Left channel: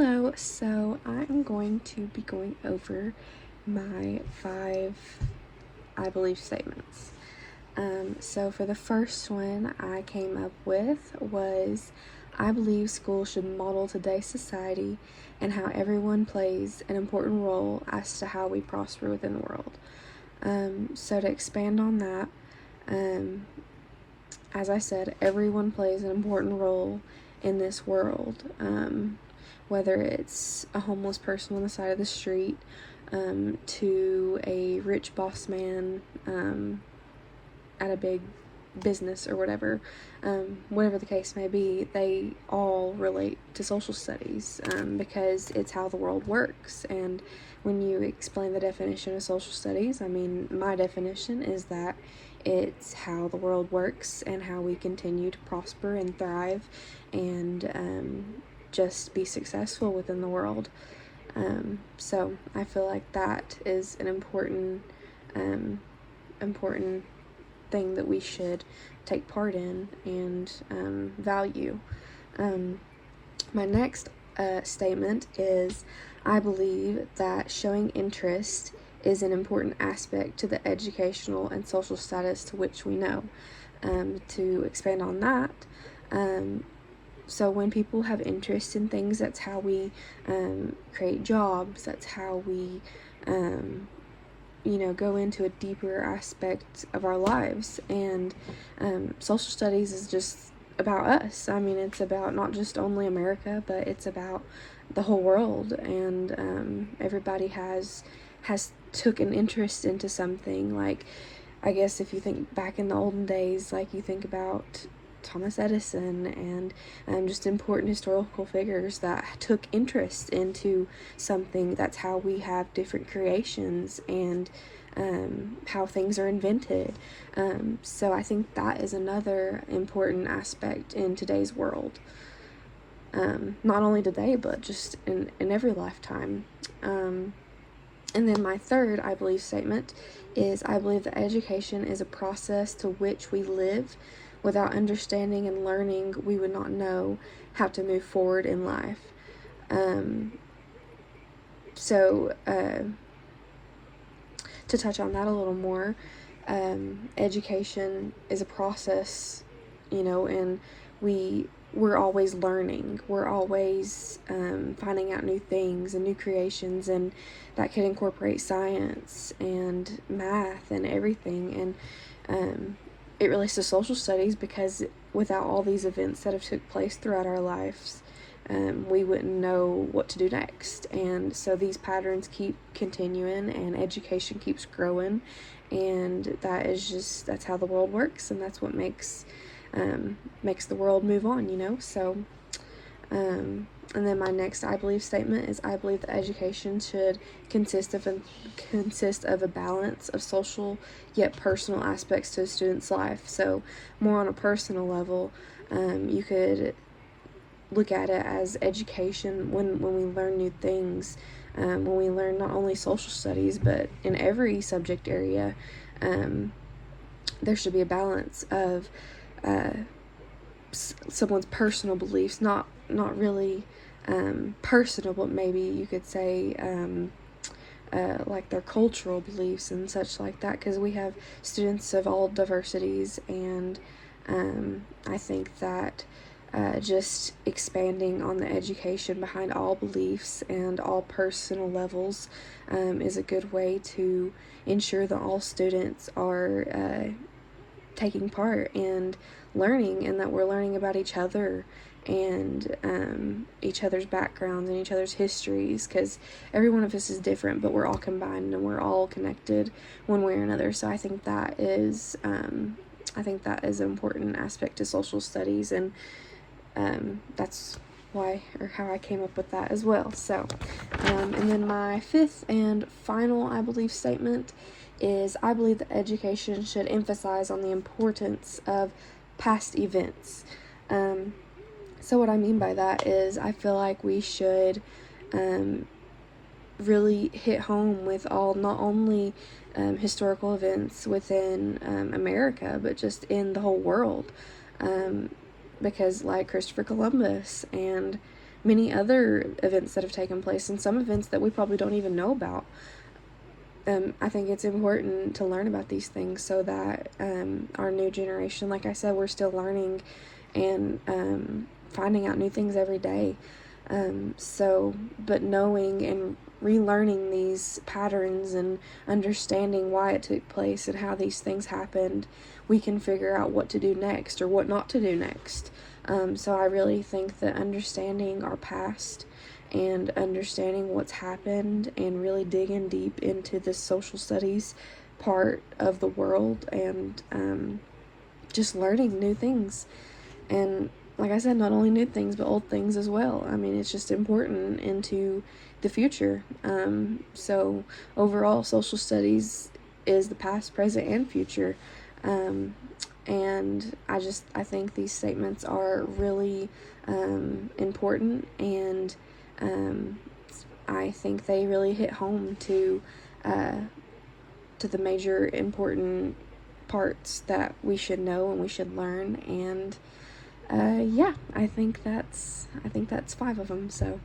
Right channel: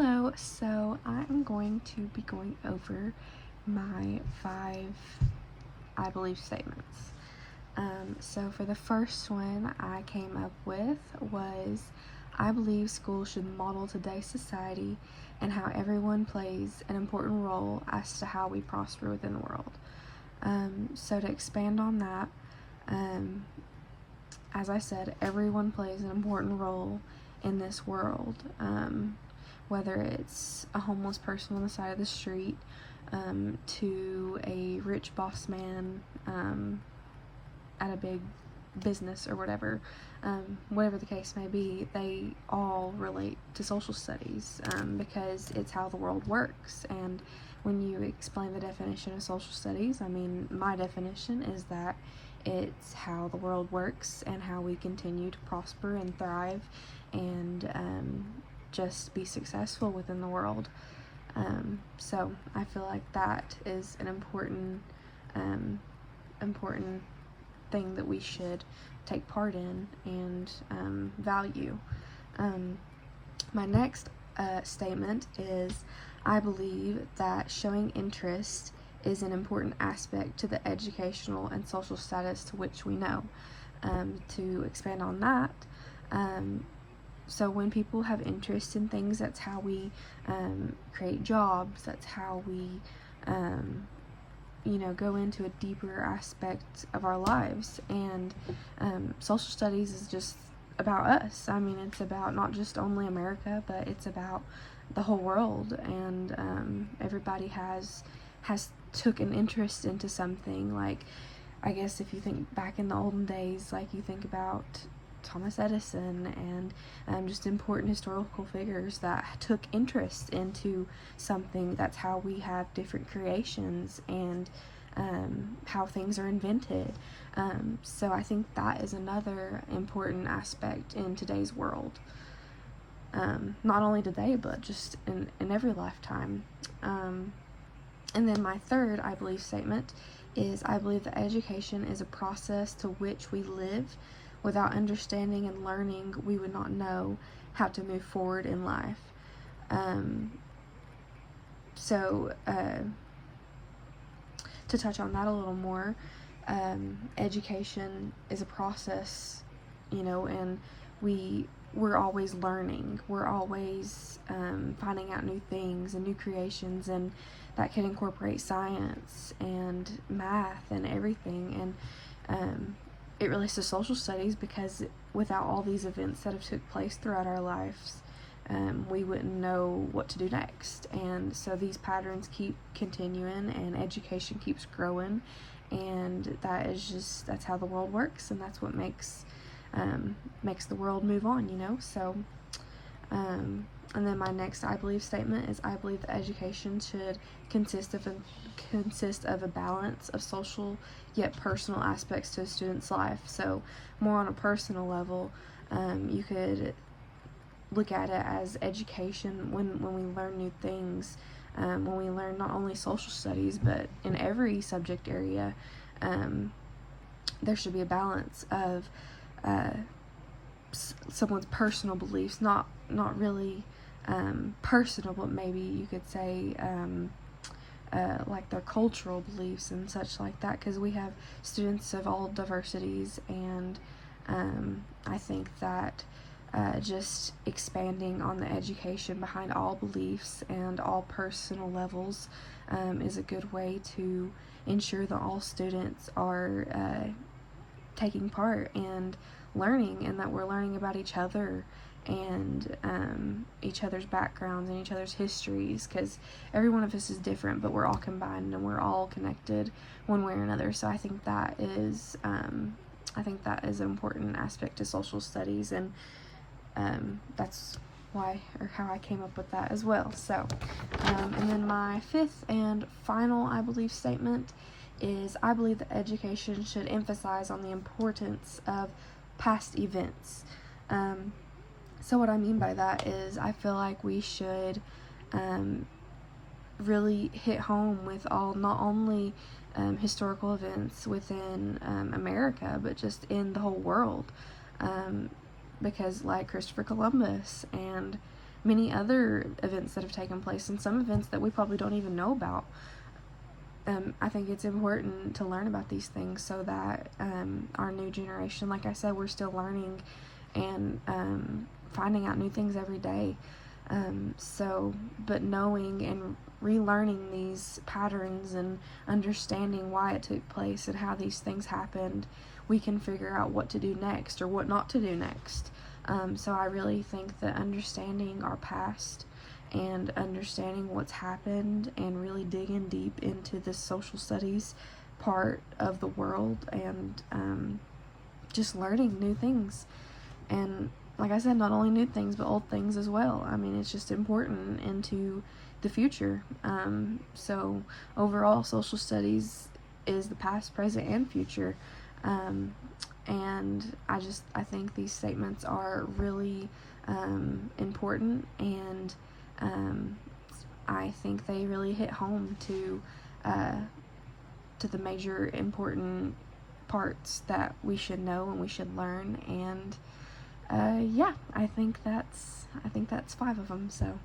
Hello, so I am going to be going over my 5, I believe, statements. So for the first one I came up with was, I believe school should model today's society and how everyone plays an important role as to how we prosper within the world. So to expand on that, as I said, everyone plays an important role in this world. Whether it's a homeless person on the side of the street, to a rich boss man at a big business or whatever, whatever the case may be, they all relate to social studies because it's how the world works. And when you explain the definition of social studies, I mean, my definition is that it's how the world works and how we continue to prosper and thrive and just be successful within the world. So I feel like that is an important thing that we should take part in and value. My next statement is, I believe that showing interest is an important aspect to the educational and social status to which we know. To expand on that, so when people have interest in things, that's how we create jobs, that's how we go into a deeper aspect of our lives. And social studies is just about us. I mean, it's about not just only America, but it's about the whole world, and everybody has took an interest into something. Like, I guess if you think back in the olden days, like you think about Thomas Edison and just important historical figures that took interest into something. That's how we have different creations and how things are invented. So I think that is another important aspect in today's world. Not only today, but just in every lifetime. And then my third, I believe, statement is, I believe that education is a process to which we live. Without understanding and learning, we would not know how to move forward in life. So to touch on that a little more, education is a process, and we're always learning. We're always finding out new things and new creations, and that could incorporate science and math and everything. And it relates to social studies because without all these events that have took place throughout our lives, we wouldn't know what to do next. And so these patterns keep continuing and education keeps growing, and that's how the world works, and that's what makes the world move on, so and then my next I believe statement is, I believe that education should consist of a balance of social yet personal aspects to a student's life. So more on a personal level, you could look at it as education when we learn new things, when we learn not only social studies, but in every subject area, there should be a balance of someone's personal beliefs, not really personal, but maybe you could say like their cultural beliefs and such like that, because we have students of all diversities, and I think that just expanding on the education behind all beliefs and all personal levels is a good way to ensure that all students are taking part and learning, and that we're learning about each other and each other's backgrounds and each other's histories, because every one of us is different, but we're all combined and we're all connected one way or another. So I think that is an important aspect to social studies, and that's why or how I came up with that as well. So and then my fifth and final, I believe, statement is, I believe that education should emphasize on the importance of past events. So what I mean by that is, I feel like we should really hit home with not only historical events within America, but just in the whole world, because like Christopher Columbus and many other events that have taken place, and some events that we probably don't even know about. I think it's important to learn about these things so that our new generation, like I said, we're still learning and finding out new things every day. But knowing and relearning these patterns and understanding why it took place and how these things happened, we can figure out what to do next or what not to do next. So I really think that understanding our past and understanding what's happened and really digging deep into the social studies part of the world and just learning new things. And like I said, not only new things, but old things as well. I mean, it's just important into the future. So overall, social studies is the past, present, and future. And I think these statements are really important, and I think they really hit home to the major important parts that we should know and we should learn. And yeah, I think that's 5 of them. So